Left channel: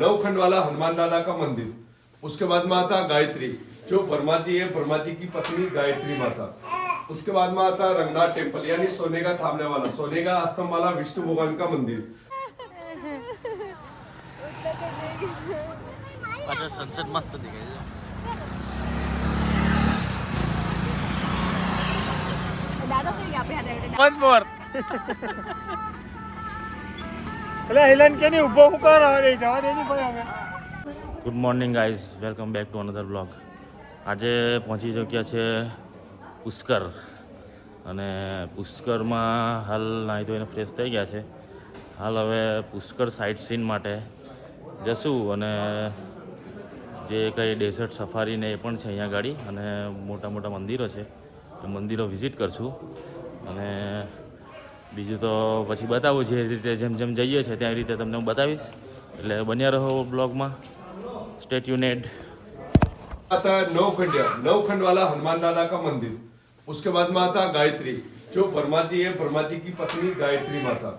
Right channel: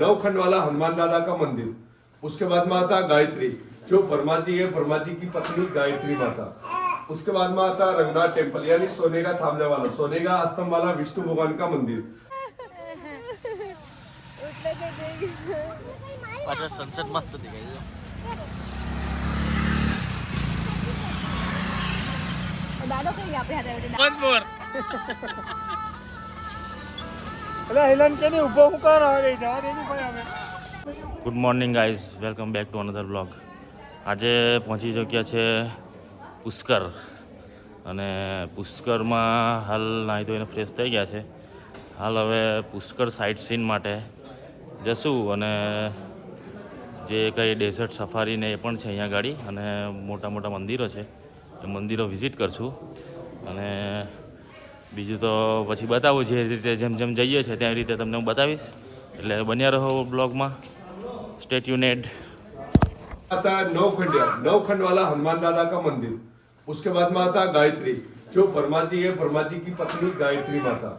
नवखंड वाला हनुमान दादा का मंदिर। उसके बाद में आता गायत्री, जो ब्रह्मा जी है, ब्रह्मा जी की पत्नी गायत्री माता। उसके बाद में आता रंगनाथ टेम्पल, यानी सोने का थामने वाला, सोने का स्तंभ वाला विष्णु भगवान का मंदिर। सनसेट मस्त दिखाई once more. Good morning guys, welcome back to another blog. આજે પહોંચી ચૂક્યા છે પુષ્કર, અને પુષ્કરમાં હાલ નાહી ધોઈને ફ્રેશ થઈ ગયા છે. હાલ હવે પુષ્કર સાઇટ સીન માટે જશું, અને જે કંઈ ડેઝર્ટ સફારી ને એ પણ છે અહીંયા ગાડી, અને મોટા મોટા મંદિરો છે એ મંદિરો વિઝિટ કરશું. અને બીજું તો પછી બતાવું, જે રીતે જેમ જેમ જઈએ છીએ ત્યાં રીતે તમને હું બતાવીશ, એટલે બન્યા રહો બ્લોગમાં. સ્ટે ટ્યુનેડ. आता है नवखंड वाला हनुमान दादा का मंदिर। उसके बाद में आता गायत्री, जो ब्रह्मा जी है, ब्रह्मा जी की पत्नी गायत्री माता।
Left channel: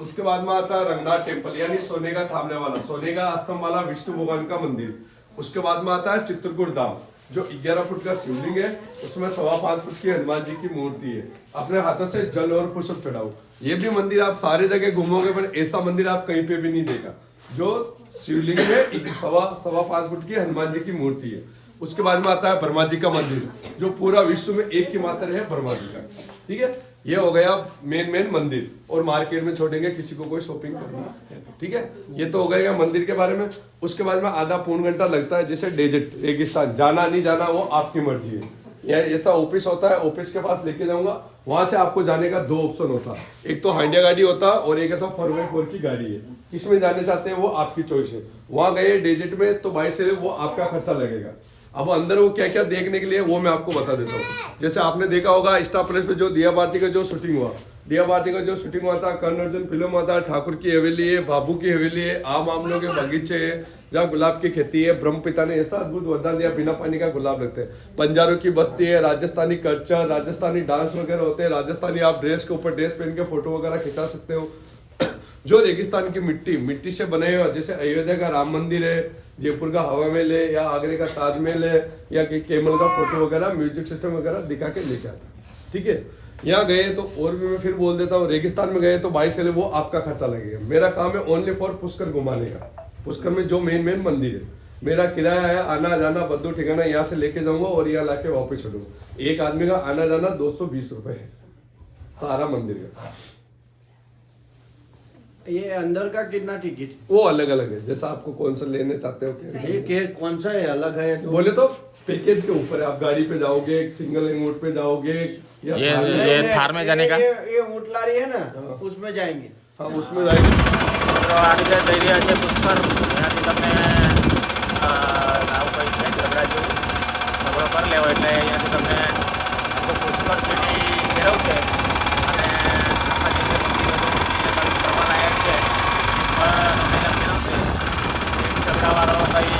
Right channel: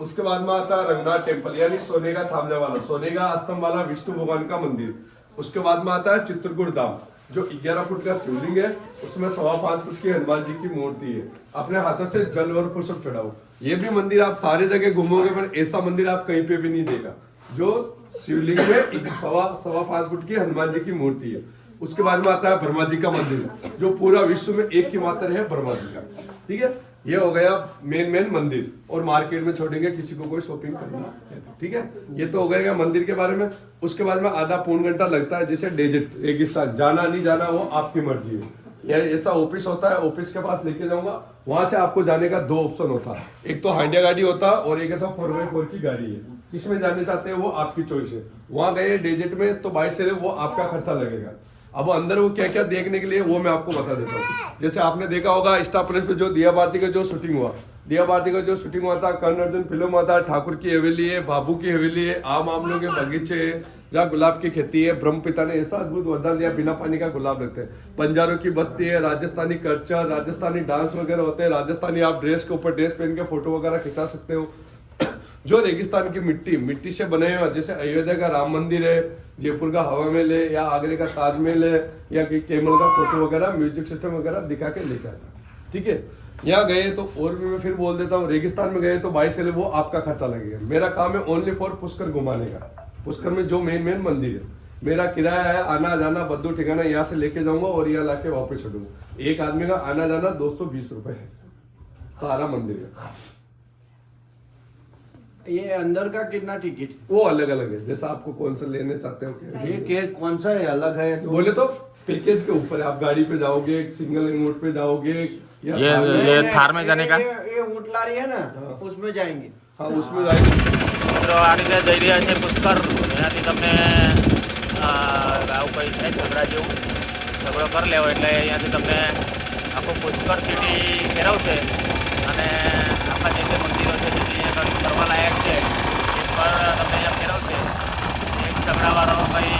उसके बाद में आता रंगनाथ टेम्पल, यानी सोने का थामने वाला, सोने का स्तंभ वाला विष्णु भगवान का मंदिर। उसके बाद में आता है चित्रकूट धाम, जो 11 फुट का शिवलिंग है, उसमें 5.25 फुट की हनुमान जी की मूर्ति है। अपने हाथों से जल और पुष्प चढ़ाओ। ये भी मंदिर आप सारी जगह घूमोगे, पर ऐसा मंदिर आप कहीं पे भी नहीं देखा, जो शिवलिंग में 5.25 फुट की हनुमान जी की मूर्ति है। उसके बाद में आता है ब्रह्मा जी का मंदिर, जो पूरा विश्व में एक ही मात्र है, ब्रह्मा जी का। ठीक है, ये हो गया मेन मंदिर। और मार्केट में छोड़ेंगे किसी को कोई शॉपिंग करना है तो। ठीक है, ये तो हो गया मंदिर के बारे में। उसके बाद में आधा पौन घंटा लगता है, जैसे डेजर्ट रेगिस्तान, जाना नहीं जाना वो आपकी मर्जी है। या ऐसा ऑफिस होता है, ऑफिस के पास लेके जाऊंगा, वहां से आपको जाने का 2 ऑप्शन होता है, एक तो हाइंडिया गाड़ी होता है और एक ऐसा 4x4 की गाड़ी है। किसमें जाने चाहते हैं वो आपकी चॉइस है। वहां गए डेजर्ट में तो बाइक से वो आपका खर्चा लगेगा। अब अंदर वो क्या क्या देखने के लिए वो मैं आपको बता देता हूँ। जैसे आपने देखा होगा स्टार प्लस पे जो दिया भारती का जो शूटिंग हुआ, दिया भारती का जो शूटिंग हुआ था, कर्ण अर्जुन फिल्म आता है, ठाकुर की हवेली है, बाबू की हवेली है, आम आमलों के बगीचे है, जहाँ गुलाब की खेती है। ब्रह्म पिता ने ऐसा अद्भुत वरदान दिया, बिना पानी का गुलाब लगते हैं। बंजारों की बस्ती है, राजस्थानी कल्चर, राजस्थानी डांस वगैरह होते हैं, राजस्थानी आप ड्रेस के ऊपर ड्रेस पहन के फोटो वगैरह खिंचा सकते हो। जो रेगिस्तान की मिट्टी से बने हुए, जैसे अयोध्या का राम मंदिर है, जयपुर का हवा महल है, या आगरे का ताजमहल है, या केमल का फोटो वगैरह, म्यूजिक सिस्टम वगैरह दिखा के लेकर आता। ठीक है, यहाँ गए तो और भी मैं फिर बोल देता हूँ, रेगिस्तान में गए तो बाइक से वो आपका खर्चा लगेगा। मेरा काम है ओनली फॉर पुष्कर घुमाने का। पुष्कर में जो मेन मंदिर है, मेरा किराया है आना जाना बद्दू ठिकाना, यहाँ से लेके जाऊंगा और यहाँ लाके वापस छोड़ूंगा। एक आदमी का आना जाना 220 रुपए है सारा मंदिर का। ये अंदर का कितना टिकट? वो अलग अलग है, जैसा आपको कौन सा लेने चाहते हो। ये कौन सा है अलग है तो? बोले तो पैकेज के ऊपर है, आप गाड़ी पे जाओगे, सिंगल ऊँट पे जाओगे, या ये थार में जाने का ये ऊँट लारी है ना, उसमें जाएंगे। हाँ, उसमें जाएंगे। મિત્રો આ રીતે જઈ રહ્યા છે પુષ્કર. એનાથી તમને આવું કંઈ છે ઝઘડા જેવું ઝઘડો કરી લેવો એટલે અહીંયાથી તમને આખું પુષ્કર સિટી ફેરવશે, અને આખા જે મંદિરો છે જે કંઈ ફરવા લાયક છે એ પણ તમને અહીંયા ફેરવશે. એક ઝઘડાવાળો કંઈ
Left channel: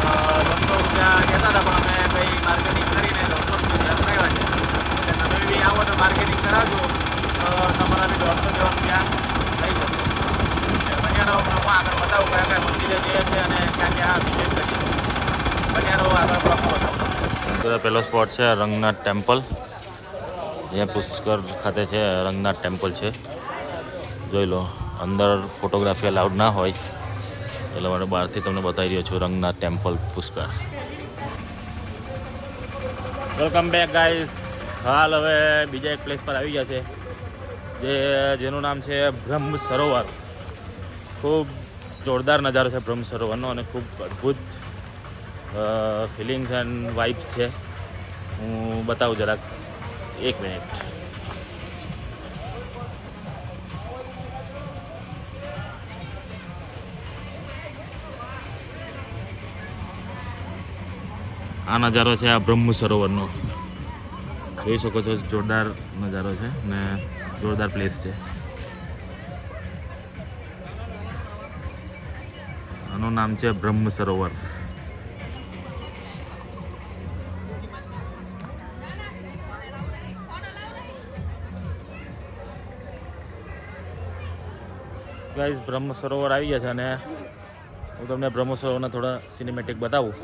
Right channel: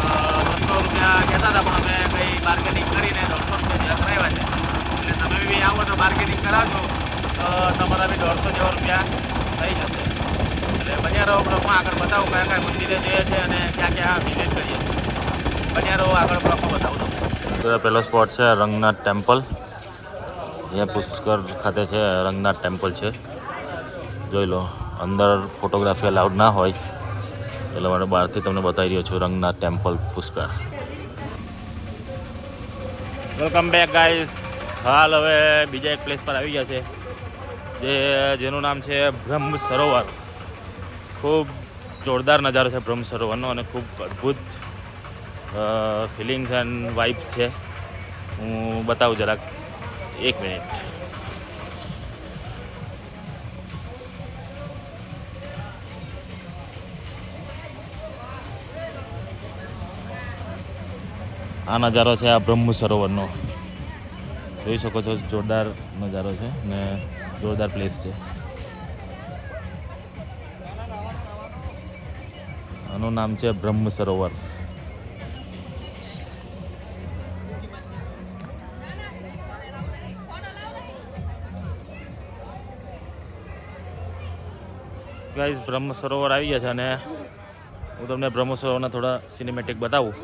200 રૂપિયા કહેતા હતા, પણ અમે કંઈ માર્કેટિંગ કરીને 150 રૂપિયા જ્યાં કરાવ્યા છે. એટલે તમે બી આવો તો માર્કેટિંગ કરાવજો તો તમારા બી 150 જેવા રૂપિયા થઈ જશે. એટલે બન્યા રહો બ્લોકમાં, આગળ બતાવું કયા કયા મંદિરે જઈએ છીએ અને ક્યાં ક્યાં વિઝિટ કરીએ. બન્યા રહો, આગળ બ્લોકમાં બતાવું તમને. પહેલો સ્પોટ છે રંગનાથ ટેમ્પલ. અહીંયા પુષ્કર ખાતે છે રંગનાથ ટેમ્પલ છે, જોઈ લો. અંદર ફોટોગ્રાફી અલાઉડ ના હોય એટલે મને બહારથી તમને બતાવી રહ્યો છું Ranganath temple Pushkar. Welcome back guys. હાલ હવે બીજા એક પ્લેસ પર આવી ગયા છે, જેનું નામ છે બ્રહ્મ સરોવર. ખૂબ જોરદાર નજારો છે બ્રહ્મ સરોવરનો, અને ખૂબ અદ્ભુત ફિલિંગ્સ એન્ડ વાઇબ્સ છે. હું બતાવું જરાક, 1 મિનિટ. આ નજારો છે આ બ્રહ્મ સરોવરનો, જોઈ શકો છો. જોરદાર નજારો છે ને જોરદાર પ્લેસ છે. આનું નામ છે બ્રહ્મ સરોવર. ગાઈઝ બ્રહ્મ સરોવર આવી ગયા છે, અને હું તમને બ્રહ્મ સરોવરના થોડા સિનેમેટિક બતાવું.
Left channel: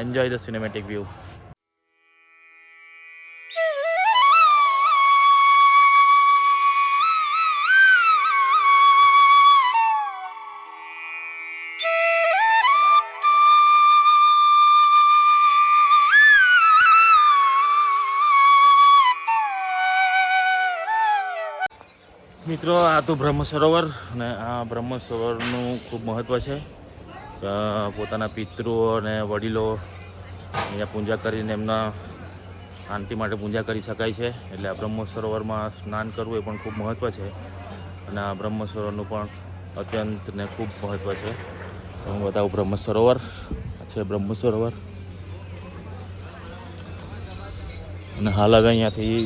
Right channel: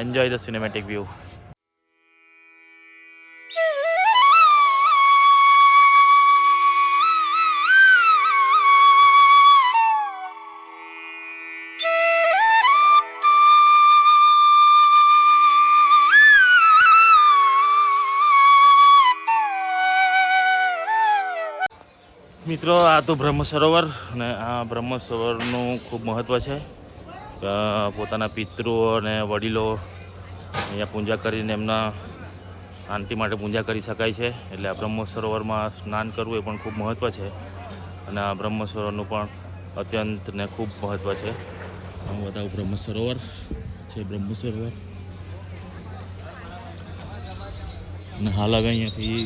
Enjoy the cinematic view. મિત્રો આ તો બ્રહ્મ સરોવર અને આ બ્રહ્મ સરોવરનું ખૂબ મહત્ત્વ છે. પોતાના પિતૃઓ અને વડીલો અહીંયા પૂજા કરીને એમના શાંતિ માટે પૂજા કરી શકાય છે. એટલે આ બ્રહ્મ સરોવરમાં સ્નાન કરવું એ પણ ખૂબ મહત્ત્વ છે. અને આ બ્રહ્મ સરોવરનું પણ અત્યંત ને ખૂબ મહત્ત્વ છે. હું બતાવું બ્રહ્મ સરોવર છે. બ્રહ્મ સરોવર અને હાલ હવે અહીંયાથી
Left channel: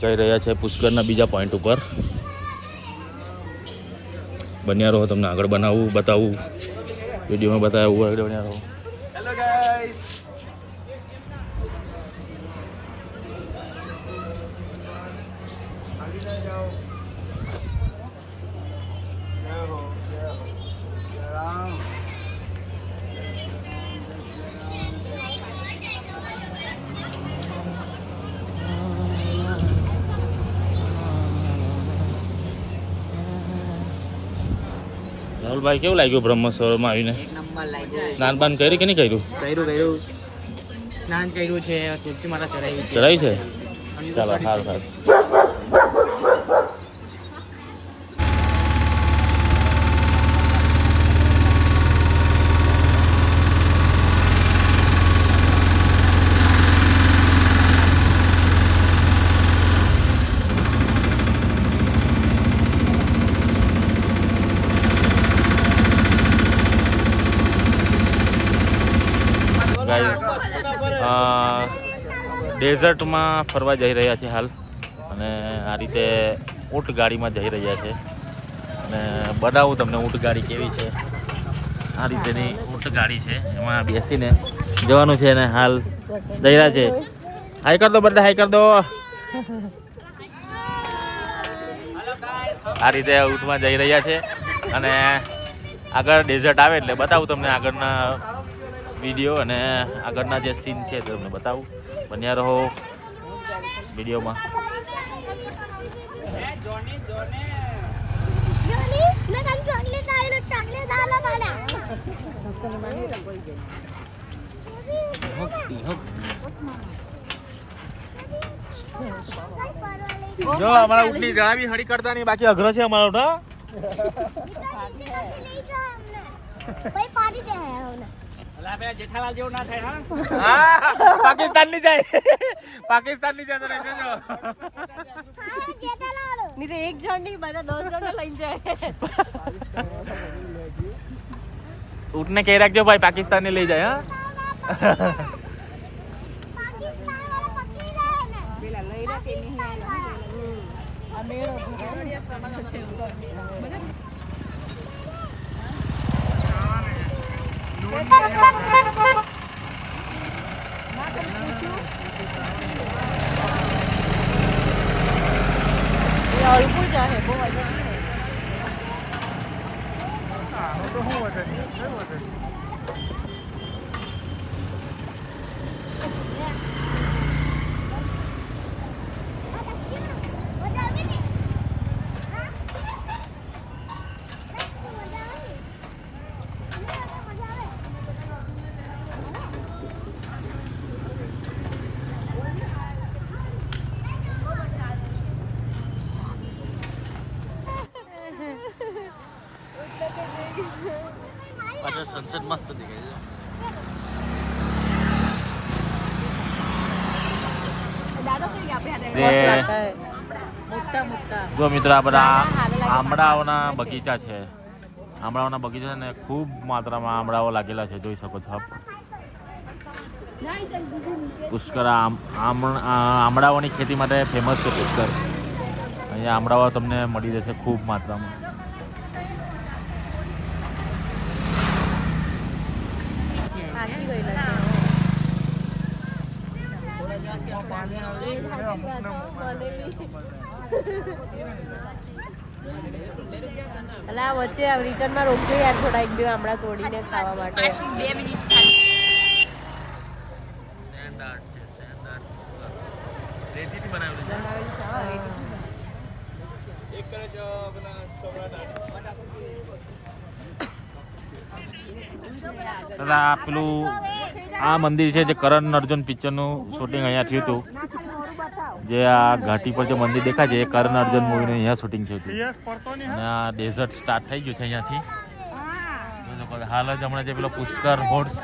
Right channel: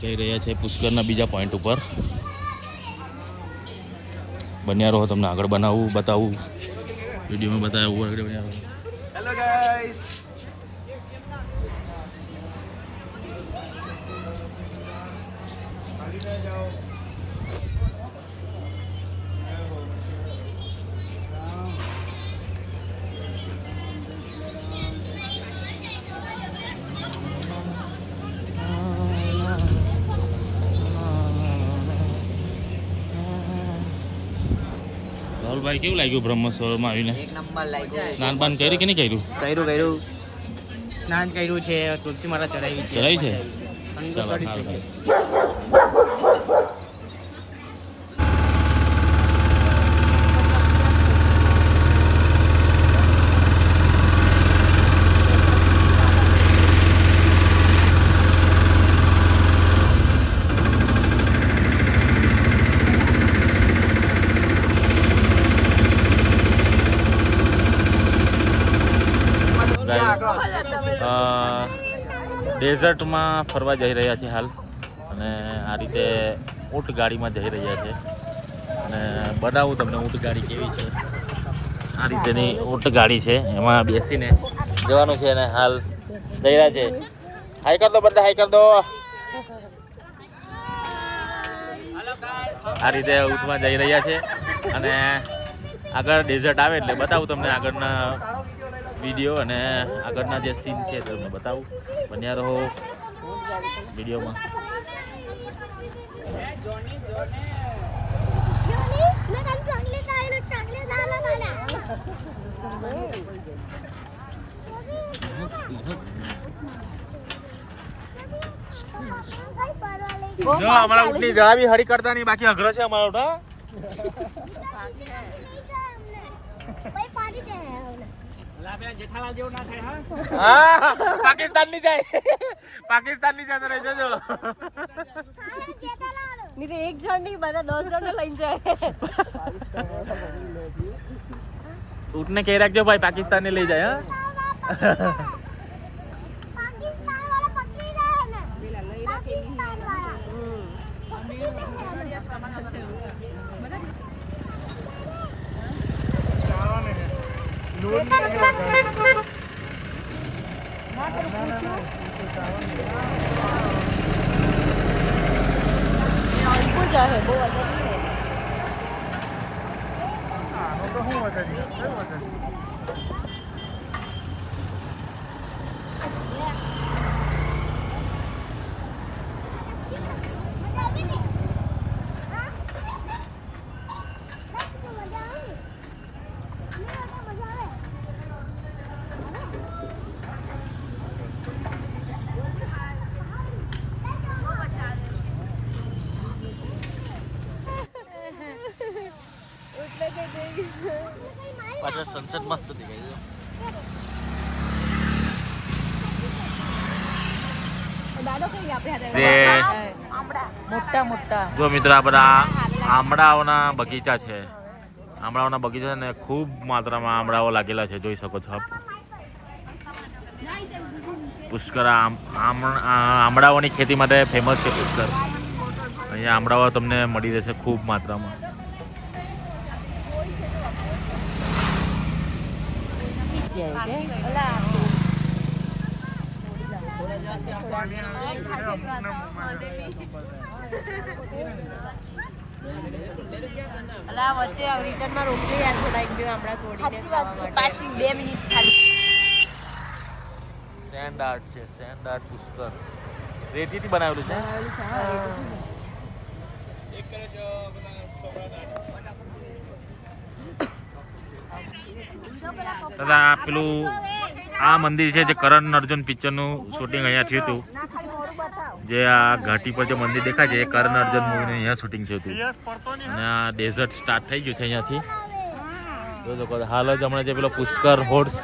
જઈ રહ્યા છે પુષ્કરના બીજા પોઈન્ટ ઉપર. બન્યા રહો, તમને આગળ બતાવું વિડીયોમાં બતાવ્યું આગળ બન્યા રહો. Hello guys. રાહુલભાઈ, કેવું લાગ્યું બ્રહ્મ સરોવરમાં આવીને? એક નંબર લાગ્યો. સ્નાન પાન કર્યું કે નહીં કર્યું? કર્યું સ્નાન કર્યું છે, તુલસી માતા ચડાવી ચડાવી છે? ચાલો, સારું સારું. ડેઝર્ટમાં ફરવા જઈ રહ્યા છે હાલ. અને આ રીતે ઊંટ ગાડીમાં જઈ રહ્યા છે. અને બનાવું તમને ઊંટ ગાડી કેવી છે. આ રીતેની ઊંટ ગાડી છે, એમાં બેસીને જવાનું છે. અને હાલ જઈ રહ્યા છે. હાઈ કર દો બધા, હાઈ કર દો. આ રીતે ઊંટમાં જઈ રહ્યા છે. અને આગળ ડેઝર્ટ આવે એટલે બતાવું તમને આગળના વિડીયો અને આગળના જે સીન છે તે તમને બતાવું. બન્યા રહો વિડીયોમાં. જો અમારા ઊંટની જળાવી હરી કરતા નહીં, બાકી અઘરો છે અમારો ઊંટ. જેઠાલાલ જેવું ના થાય. હા, પાકિસ્તાન ની જાય, પાકિસ્તાન ની જાય તો લઈ જજો. નહીં તો એક જણ નહીં, બધા 10 જણ લઈને જાય. ઊંટને કહી રાખજો ભાઈ, પાકિસ્તાન ને લઈ જાય. હા, પાછળ સનસેટ મસ્ત દેખાય છે. જો મિત્ર, આ બધા આમળાઓના બગીચા છે. આમળાઓના બગીચા છે ને ખૂબ માત્રામાં આમળાઓ લાગેલા છે, જોઈ શકો છો આપ. પુષ્કર આમળાઓની ખેતી માટે ફેમસ છે પુષ્કર. અહીંયા આમળાઓ તમને મળી જશે ખૂબ માત્રામાં. અને આ વચ્ચે રિટર્નમાં રોકીએ યાર થોડા એક બે હમણાં તોડીને ખાવા માટે 2 મિનિટ સેન્ડ આર્ટ છે, સેન્ડ આર્ટ પુષ્કર રેતીથી બનાવેલું છે. દાદા પેલું આ મંદિર છે જે કરણ અર્જુન પિક્ચરનું શૂટિંગ અહીંયા થયું હતું. જે આ ઘાટી પર જે મંદિર દેખાય છે એ કરણ અર્જુન મૂવીનું અહીંયા શૂટિંગ થયું હતું. અને આ ડેઝર્ટ સ્ટાર્ટ થઈ ગયું છે અહીંયાથી. જોઈ શકો હાલ જ હમણાં જે પેલો પુષ્કર હોર્સ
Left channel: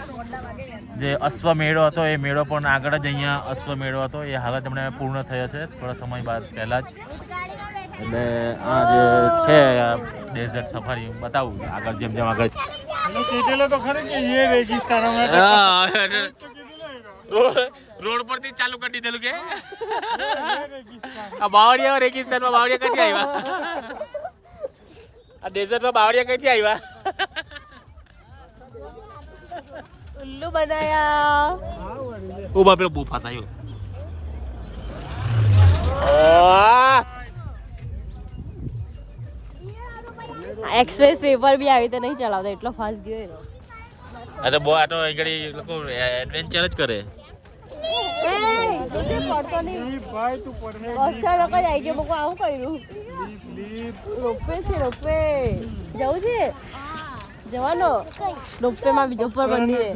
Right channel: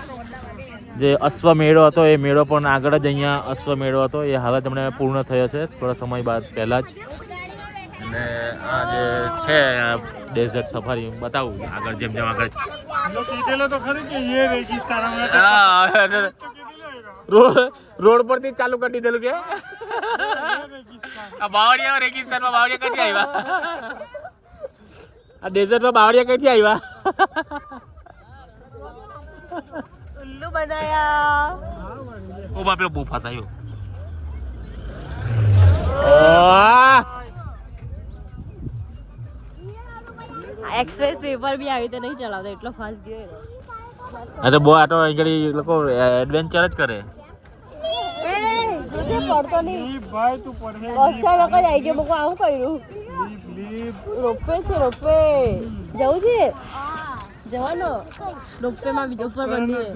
જે અશ્વમેળો હતો એ મેળો પણ આગળ જ અહીંયા અશ્વમેળો હતો એ હાલ જ હમણાં પૂર્ણ થયો છે થોડા સમય બાદ પહેલાં જ. એટલે આ જે છે ડેઝર્ટ સફારી બતાવું આગળ જેમ જેમ આગળ રોડ પરથી ચાલુ કરી દીધેલું કે આ બાવળિયા રેગિસ્તાનમાં બાવળિયા ક્યાંથી આવ્યા? આ ડેઝર્ટમાં બાવળિયા ક્યાંથી આવ્યા? ઉલ્લુ બનાયા. ઉભા પેલો બૂફા થયો. એક્સપ્રેસ પેપર બી આવી રીતે નહીં ચલાવતા એટલો ફાસ્ટ ગયો. તો બહુ આટો આગળ લોકો એડવેન્ચર જ કરે. રોપવે છે રોપવે જવું છે જવાનો રોપવે માં બીજો પર મંદિરે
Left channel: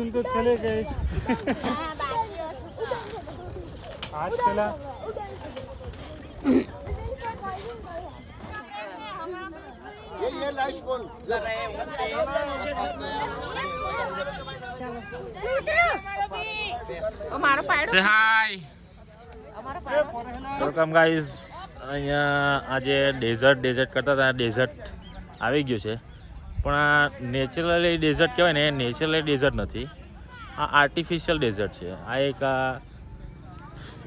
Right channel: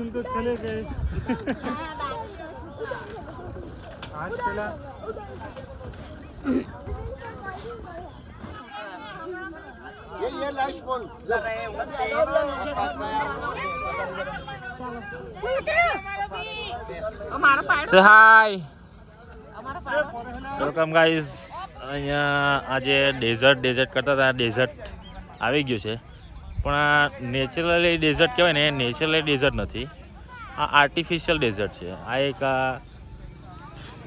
ये लाइट फोन સે હાય વેલકમ ગાઈઝ. અહીંયા આજે ડેઝર્ટ કરતા હતા ડેઝર્ટ આવી ગયું છે પણ આ નેચરલી ડેઝર્ટ કહેવાય ને એ નેચરલી ડેઝર્ટ નથી, આ આર્ટિફિશિયલ ડેઝર્ટ છે. આ એક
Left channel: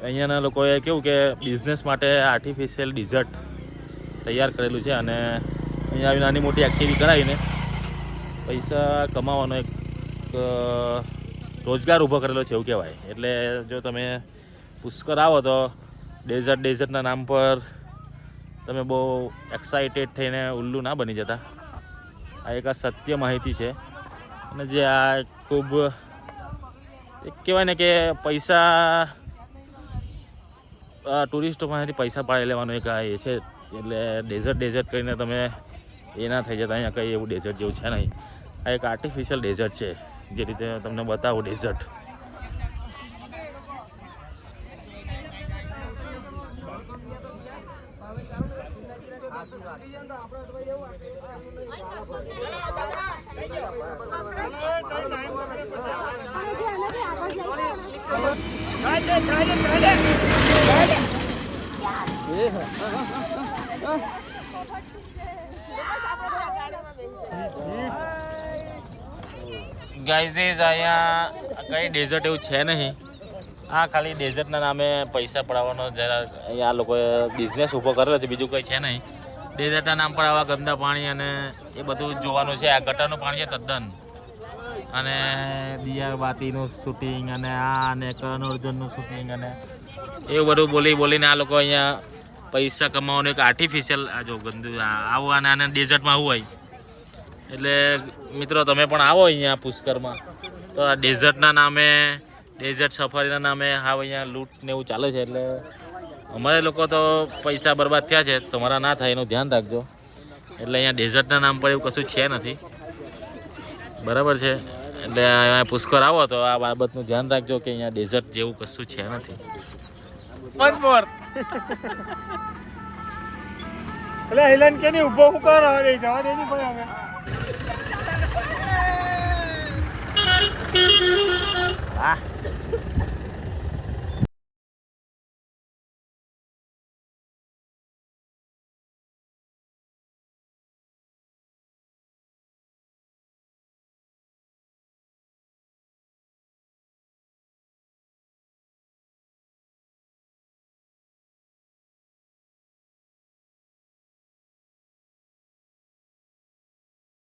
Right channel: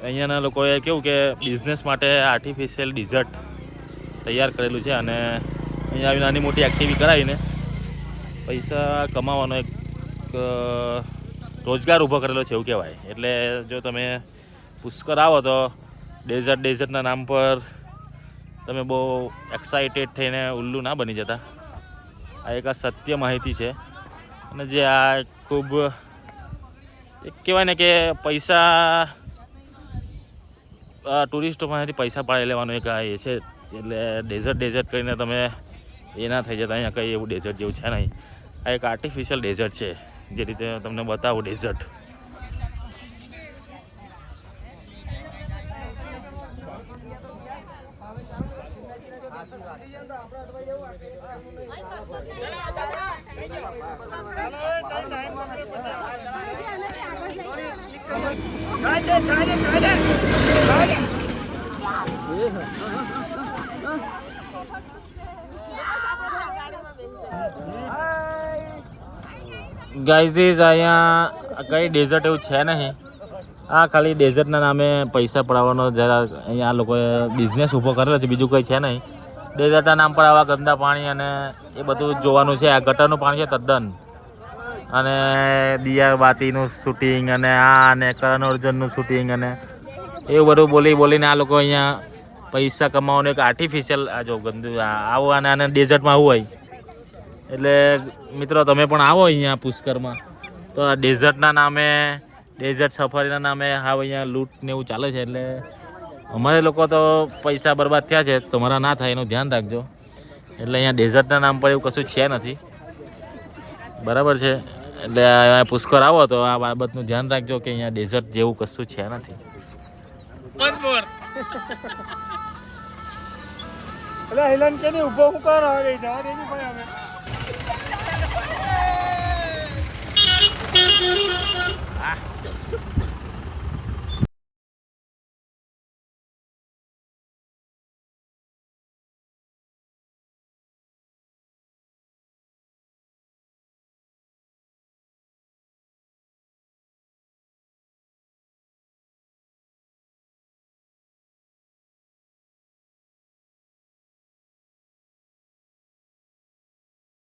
અહીંયાના લોકોએ કેવું કે બિઝનેસ માટે આર્ટિફિશિયલ ડેઝર્ટ તૈયાર કરેલું છે અને અહીંયા આવી નાની મોટી એક્ટિવિટી કરાવીને પૈસા કમાવાનો એક રોજગાર ઊભો કરેલો છે એવું કહેવાય. એટલે જો તમે પુષ્કર આવો તો ડેઝર્ટના નામ પર તમે બહુ એક્સાઇટેડ થઈને ઉલ્લુ ના બની જતા. આ એક સત્ય માહિતી છે અને જે આ ખૂબ એક કહેવાય ને કે પૈસા ટુરિસ્ટો પાસેથી પૈસા પાડી લેવાનો એક આ એ છે. એટલે ડેઝર્ટ કરીને તમે એ ના થઈ જતા. અહીંયા કંઈ એવું ડેઝર્ટ જેવું છે નહીં, આ એક આર્ટિફિશિયલ ડેઝર્ટ છે જે રીતે તમને બતાવું ડેઝર્ટ. ગાઈઝ અહીંયા કંઈ ડેઝર્ટ એવું છે નહીં, આ ખાલી ડેઝર્ટના નામે પૈસા પડાવવાનો જરા અહીંયા લોકોએ બિઝનેસ ઊભો કરેલો છે, બીજું કંઈ છે નહીં. ડેઝર્ટના નામ પર આવા ગંદા પાણી અને એ બધું જોવાનું છે. આ ગટરનું પાણી છે તદ્દન, અને દિયાબાતીનું શૂટિંગ અને આ અને કરણ અર્જુનનું શૂટિંગ અને એવું બધું બોલીને આ લોકો અહીંયા પૈસા કમાવાનું એક આર્ટિફિશિયલ આ જો ગંદુ આવું અને આને ડેઝર્ટમાં આવું હોય. એટલે મિત્રો તમે પણ આવો અહીંયા પુષ્કરમાં તો આ ડેઝર્ટના નામે ડેઝર્ટ સફારીના નામે હા અહીંયા લૂંટ ને એવું ચાલે છે. એટલે અમારે લોકો તો પૈસા બરબાદ થયા છે, તમારા ના થાય એનું ધ્યાન રાખજો. એટલે અહીંયા ડેઝર્ટના નામ પર એવું કશું છે નથી, બરાબર છે. એટલે અહીંયા પુષ્કર આવો તો આ બાબતનું ધ્યાન રાખજો કે અહીંયા ડેઝર્ટ જેવું કશું છે નથી.